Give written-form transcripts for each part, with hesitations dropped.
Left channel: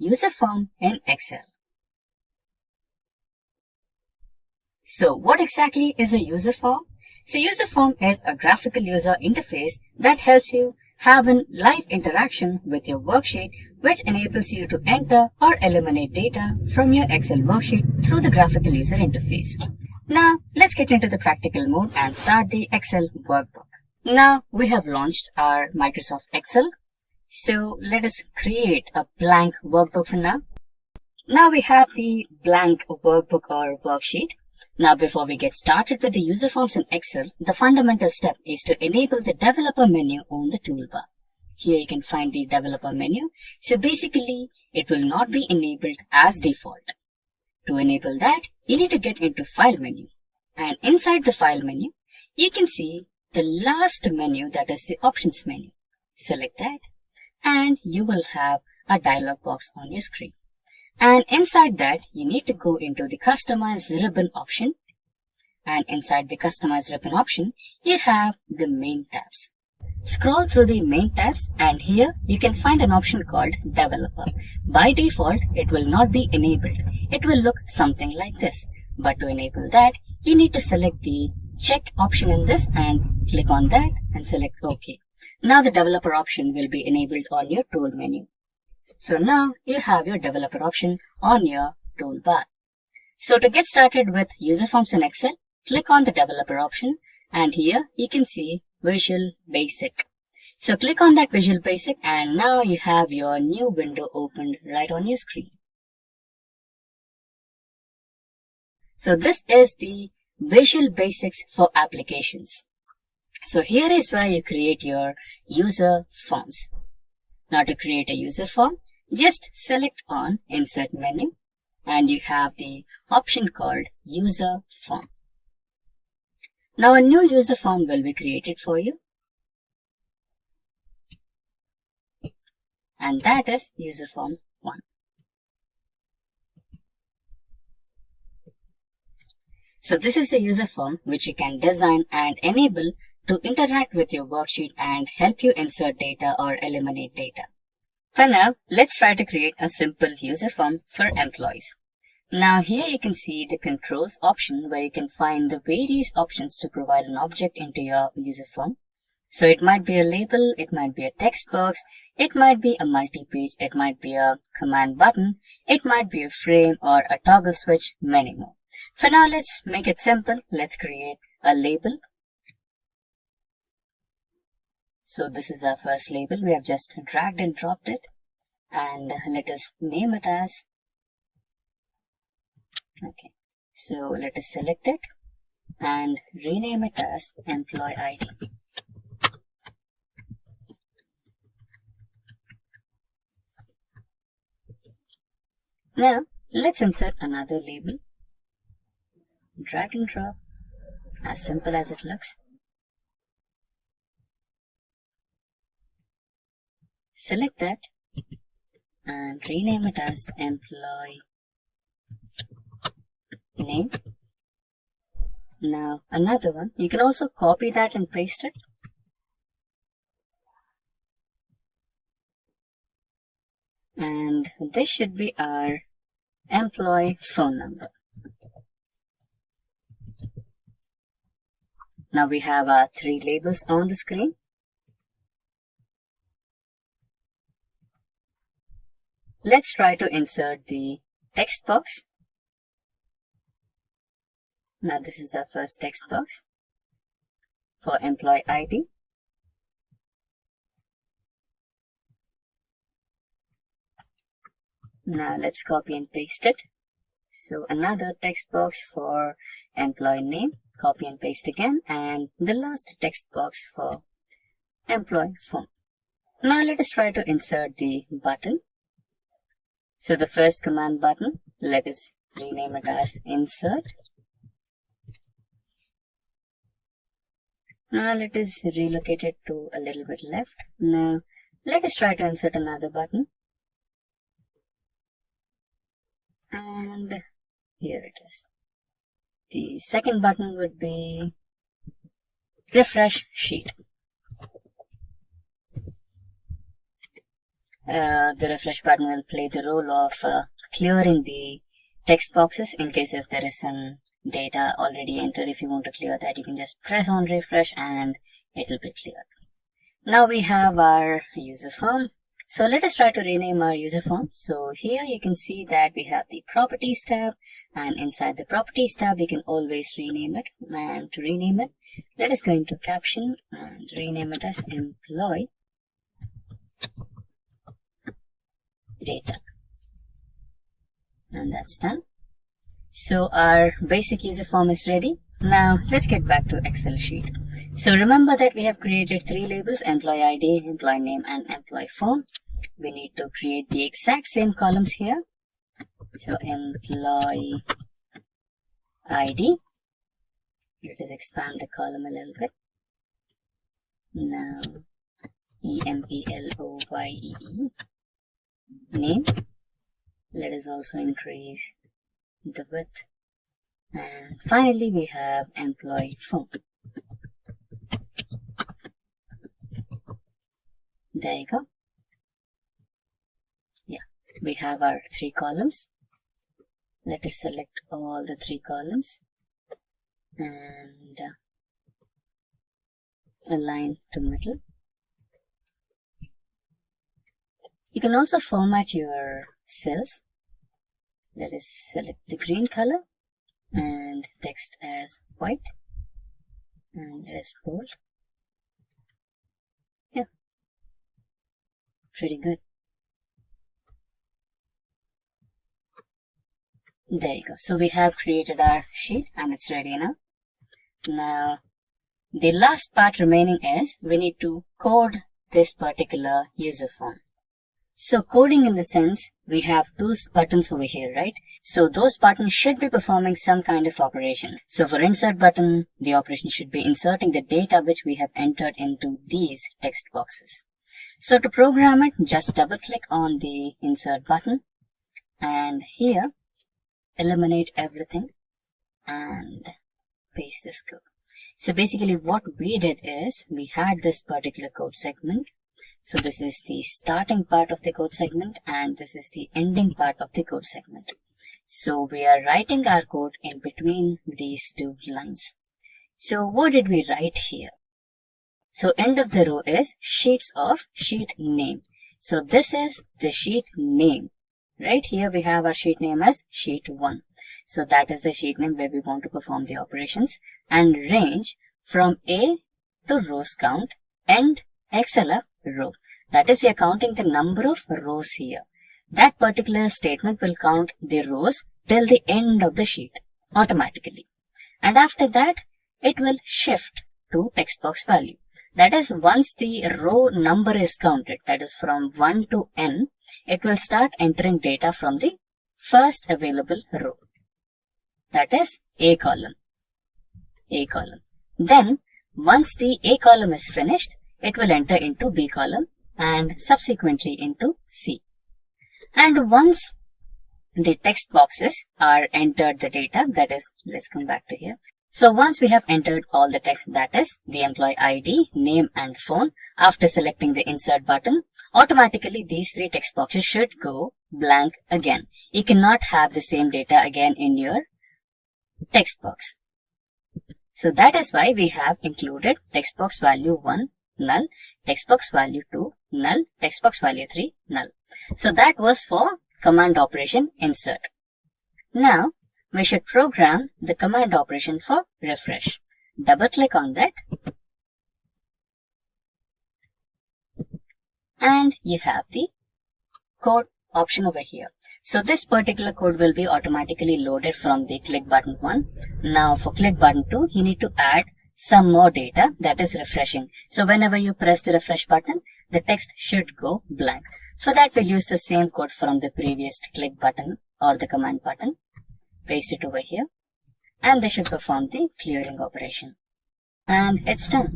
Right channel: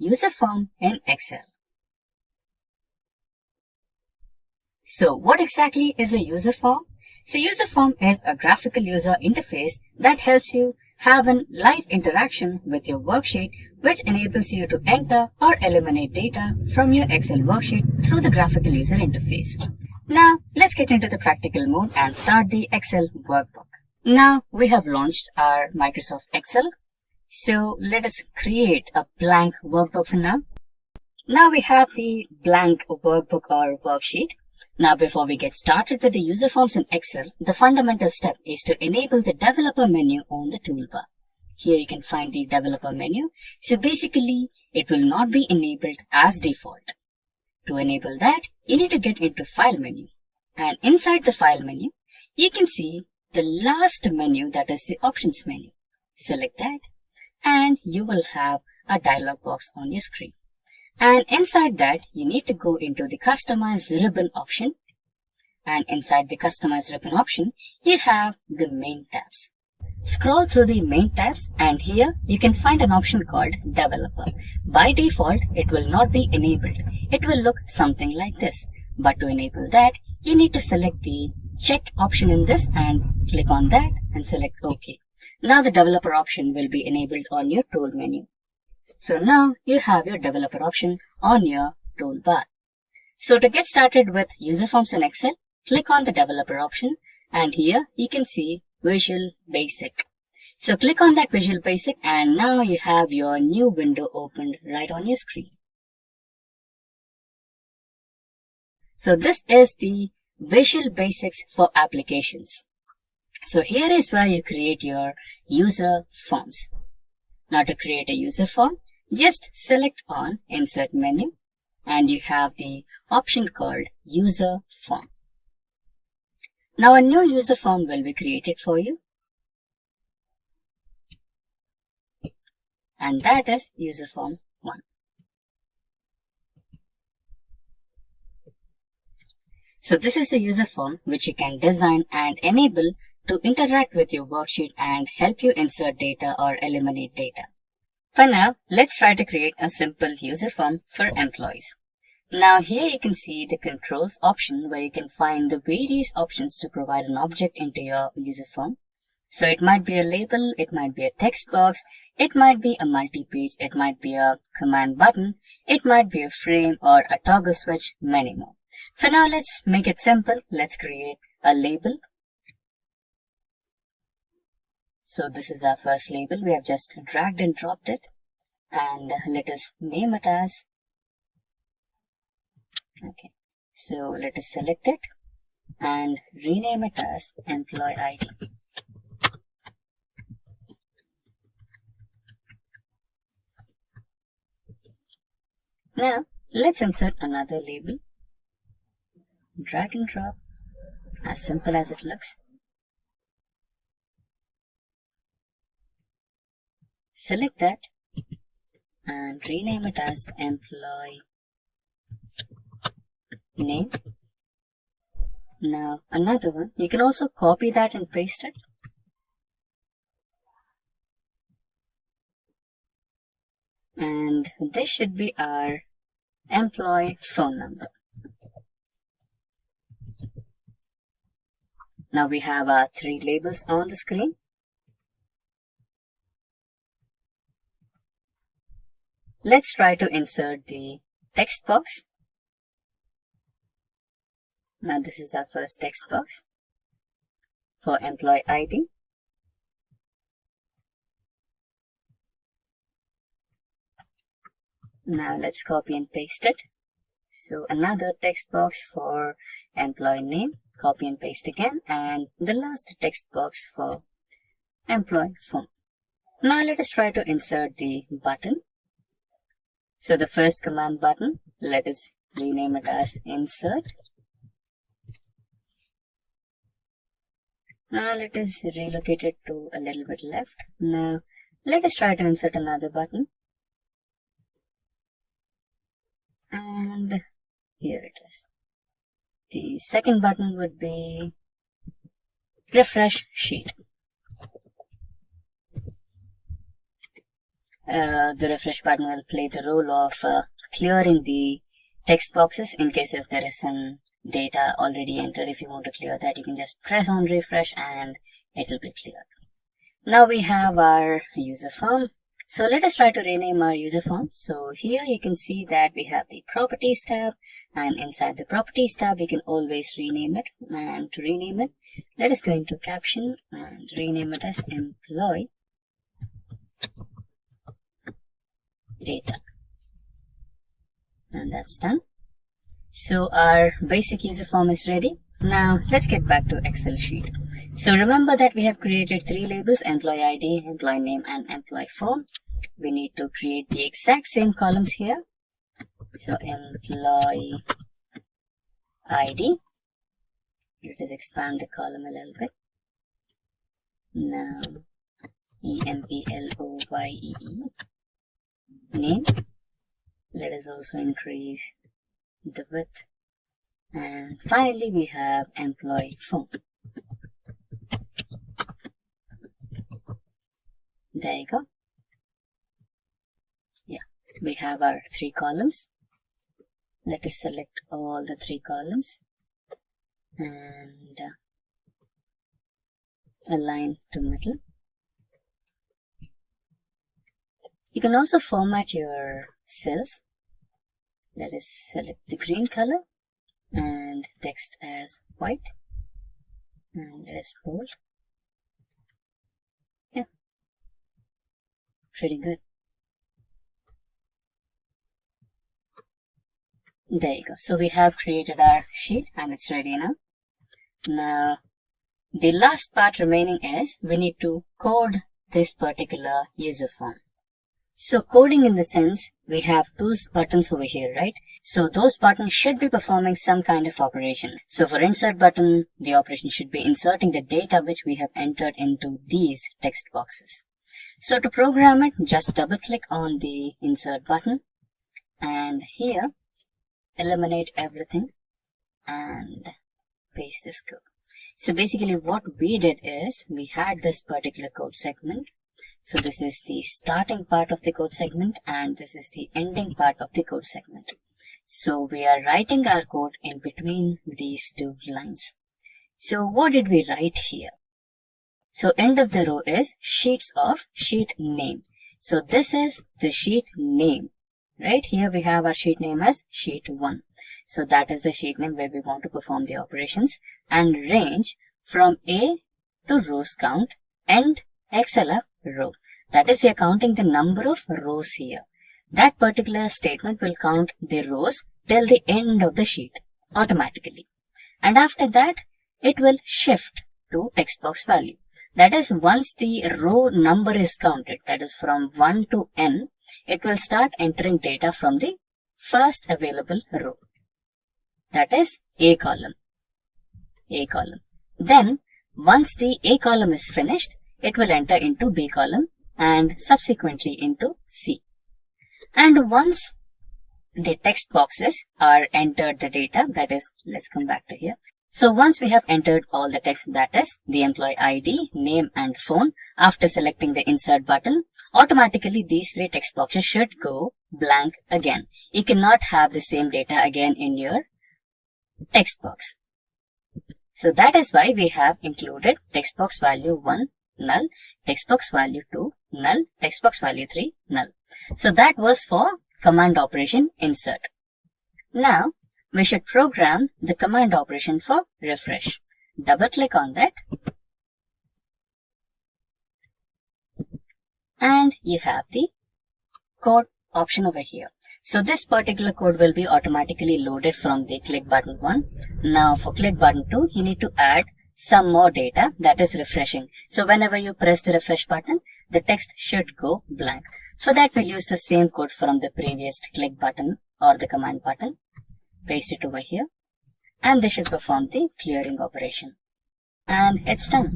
UserForm in Excel. So what exactly is a UserForm? So UserForm is a graphical user interface that helps you have a live interaction with your worksheet, which enables you to enter or eliminate data from your Excel worksheet through the graphical user interface. Now let's get into the practical mode and start the Excel workbook. Now we have launched our Microsoft Excel. So let us create a blank workbook for now. Now we have the blank workbook or worksheet. Now before we get started with the user forms in Excel, the fundamental step is to enable the developer menu on the toolbar. Here you can find the developer menu. So basically it will not be enabled as default. To enable that, you need to get into file menu. And inside the file menu, you can see the last menu, that is the options menu. Select that and you will have a dialog box on your screen. And inside that, you need to go into the Customize Ribbon option. And inside the Customize Ribbon option, you have the main tabs. Scroll through the main tabs and here you can find an option called Developer. By default, it will not be enabled. It will look something like this. But to enable that, you need to select the check option in this and click on that and select OK. Now the developer option will be enabled on your tool menu. So now you have your developer option on your toolbar. So to get started with user forms in Excel, click on the developer option and here you can see Visual Basic. So click on that Visual Basic and now you have your new window opened right on your screen. So this is the Visual Basics for applications. So here is where you create your user forms. Now to create a user form, just select on Insert menu and you have the option called User Form. Now a new user form will be created for you. And that is User Form 1. So this is a user form which you can design and enable to interact with your worksheet and help you insert data or eliminate data. For now, let's try to create a simple user form for employees. Now here you can see the controls option where you can find the various options to provide an object into your user form. So it might be a label, it might be a text box, it might be a multi-page, it might be a command button, it might be a frame or a toggle switch, many more. For now, let's make it simple. Let's create a label. So this is our first label. We have just dragged and dropped it. And let us name it as, okay. So let us select it and rename it as Employee ID. Now let's insert another label. Drag and drop, as simple as it looks. Select that and rename it as Employee Name. Now another one, you can also copy that and paste it. And this should be our employee phone number. Now we have our 3 labels on the screen. Let's try to insert the text box. Now this is our first text box for employee ID. Now let's copy and paste it. So another text box for employee name. Copy and paste again, and the last text box for employee phone. Now let us try to insert the button. So the first command button, let us rename it as insert. Now let us relocate it to a little bit left. Now let us try to insert another button. And here it is. The second button would be refresh sheet. The refresh button will play the role of clearing the text boxes in case if there is some data already entered. If you want to clear that, you can just press on refresh and it will be cleared. Now we have our user form. So let us try to rename our user form. So here you can see that we have the properties tab, and inside the properties tab you can always rename it. And to rename it, let us go into caption and rename it as employee data. And that's done. So our basic user form is ready. Now let's get back to Excel sheet. So remember that we have created 3 labels: employee ID, employee name, and employee phone. We need to create the exact same columns here. So employee ID. Let us expand the column a little bit. Now employee name. Let us also increase the width. And finally we have employee phone. There you go. Yeah, we have our 3 columns. Let us select all the 3 columns and align to middle. You can also format your cells. Let us select the green color and text as white, and let us bold. Yeah, pretty good. There you go. So we have created our sheet and it's ready now. Now the last part remaining is we need to code this particular user form. So coding in the sense, we have 2 buttons over here, right? So those buttons should be performing some kind of operation. So for insert button, the operation should be inserting the data which we have entered into these text boxes. So to program it, just double click on the insert button and here eliminate everything and paste this code. So basically what we did is we had this particular code segment. So this is the starting part of the code segment and this is the ending part of the code segment. So we are writing our code in between these 2 lines. So what did we write here? So end of the row is sheets of sheet name. So this is the sheet name. Right here we have our sheet name as sheet 1. So that is the sheet name where we want to perform the operations, and range from A to rows count, end XLF row. That is, we are counting the number of rows here. That particular statement will count the rows till the end of the sheet automatically. And after that, it will shift to text box value. That is, once the row number is counted, that is from 1 to n, it will start entering data from the first available row. That is A column. A column. Then, once the A column is finished, it will enter into B column and subsequently into C. And once the text boxes are entered the data, that is, let's come back to here. So once we have entered all the text, that is the employee ID, name and phone, after selecting the insert button, automatically these 3 text boxes should go blank again. You cannot have the same data again in your text box. So that is why we have included text box value 1 null, text box value 2 null, text box value 3 null. So that was for command operation insert. Now we should program the command operation for refresh. Double click on that and you have the code option over here. So this particular code will be automatically loaded from the click button 1. Now for click button 2, you need to add some more data, that is refreshing. So whenever you press the refresh button, the text should go blank. For that, we'll use the same code from the previous click button or the command button. Paste it over here and this should perform the clearing operation. And it's done.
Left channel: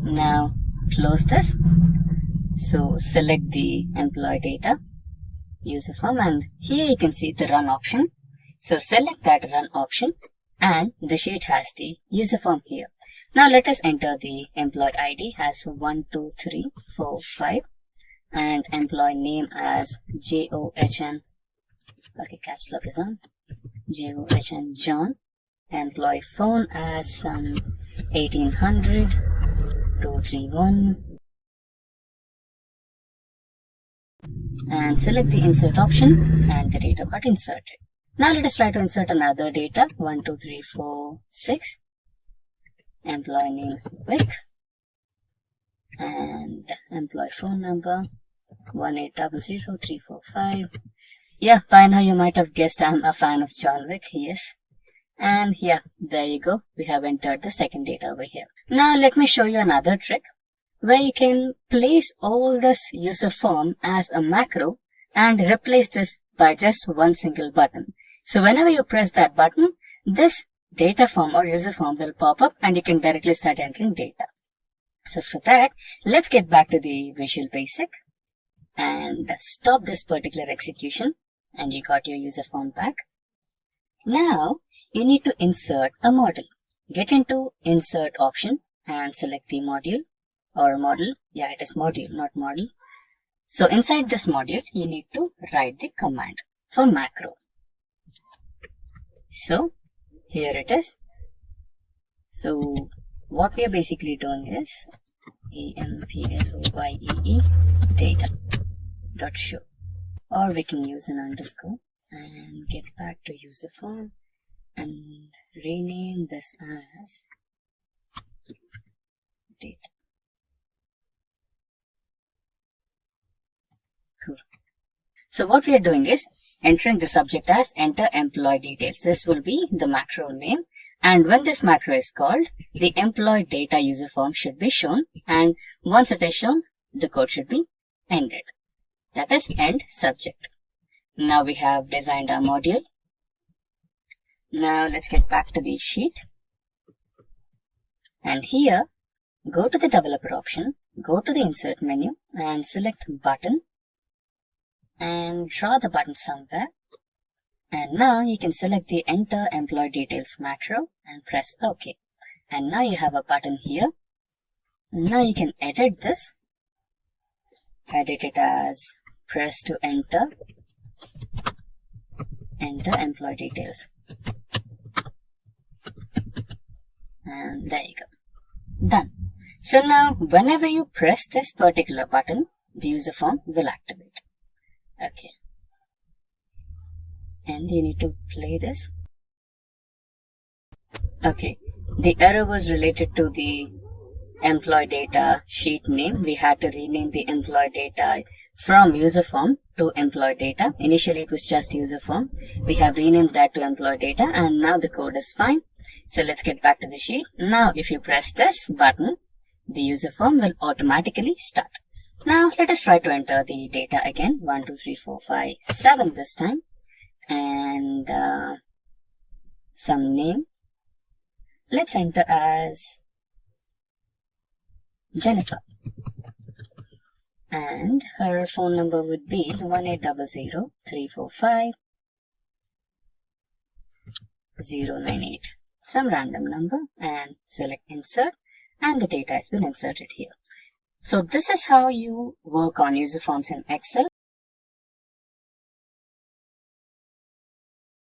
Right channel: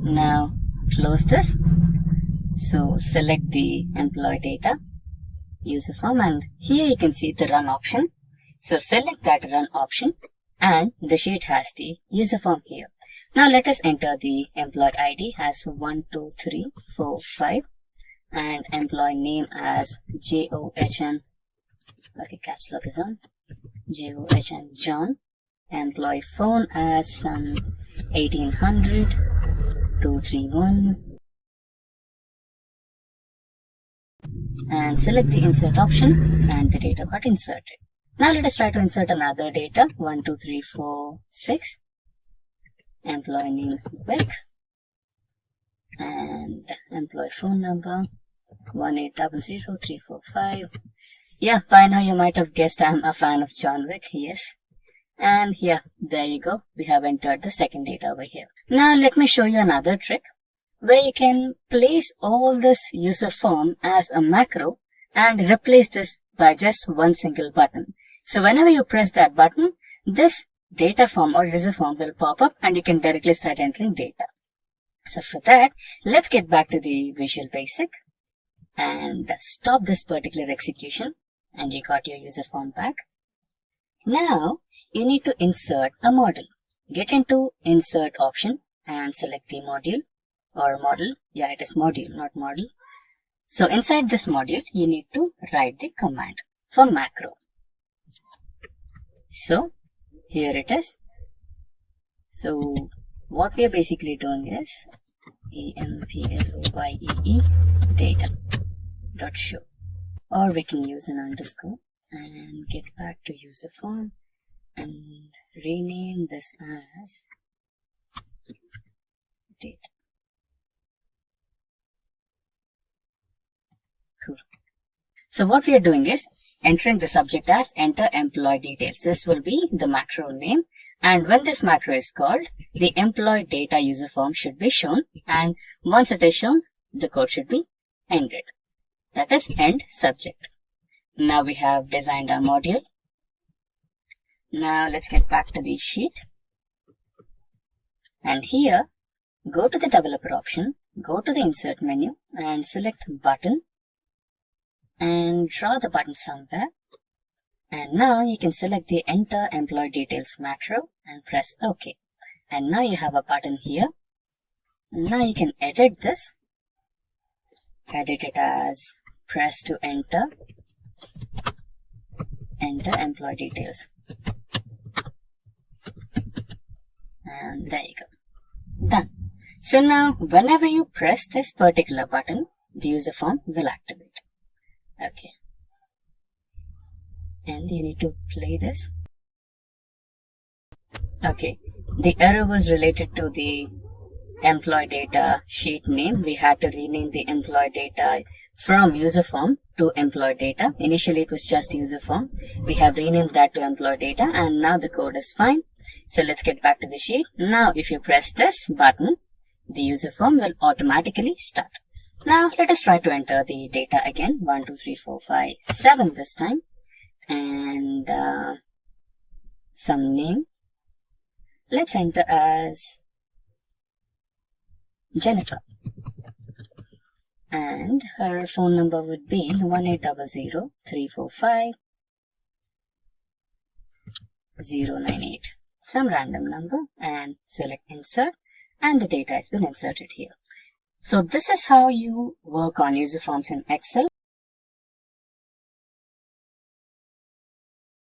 Now close this. So select the employee data, user form, and here you can see the run option. So select that run option and the sheet has the user form here. Now let us enter the employee ID as 1, 2, 3, 4, 5 and employee name as JOHN. Okay, caps lock is on. JOHN John. Employee phone as 1800 231. And select the insert option and the data got inserted. Now let us try to insert another data. 1, 2, 3, 4, 6. Employee name Vic. And employee phone number 1800-345. Yeah, by now you might have guessed I'm a fan of John Wick. Yes. And yeah, there you go. We have entered the second data over here. Now let me show you another trick where you can place all this user form as a macro and replace this by just one single button. So whenever you press that button, this data form or user form will pop up and you can directly start entering data. So for that, let's get back to the Visual Basic and stop this particular execution, and you got your user form back. Now you need to insert a model. Get into insert option and select the module or model. Yeah, it is module, not model. So inside this module, you need to write the command for macro. So here it is. So what we are basically doing is employee data dot show, or we can use an underscore and get back to user form and rename this as data. Cool. So what we are doing is entering the subject as enter employee details. This will be the macro name. And when this macro is called, the employee data user form should be shown. And once it is shown, the code should be ended. That is end subject. Now we have designed our module. Now let's get back to the sheet. And here, go to the developer option, go to the insert menu and select button and draw the button somewhere. And now you can select the enter employee details macro and press OK. And now you have a button here. Now you can edit this. Edit it as press to enter employee details. And there you go. Done. So now whenever you press this particular button, the user form will activate. Okay. And you need to play this. Okay, the error was related to the employee data sheet name. We had to rename the employee data from user form to employee data. Initially it was just user form. We have renamed that to employee data and now the code is fine. So let's get back to the sheet. Now if you press this button, the user form will automatically start. Now let us try to enter the data again. 1, 2, 3, 4, 5, 7 this time. And some name. Let's enter as Jennifer. And her phone number would be 1800-345-098. Some random number and select insert, and the data has been inserted here. So this is how you work on user forms in Excel.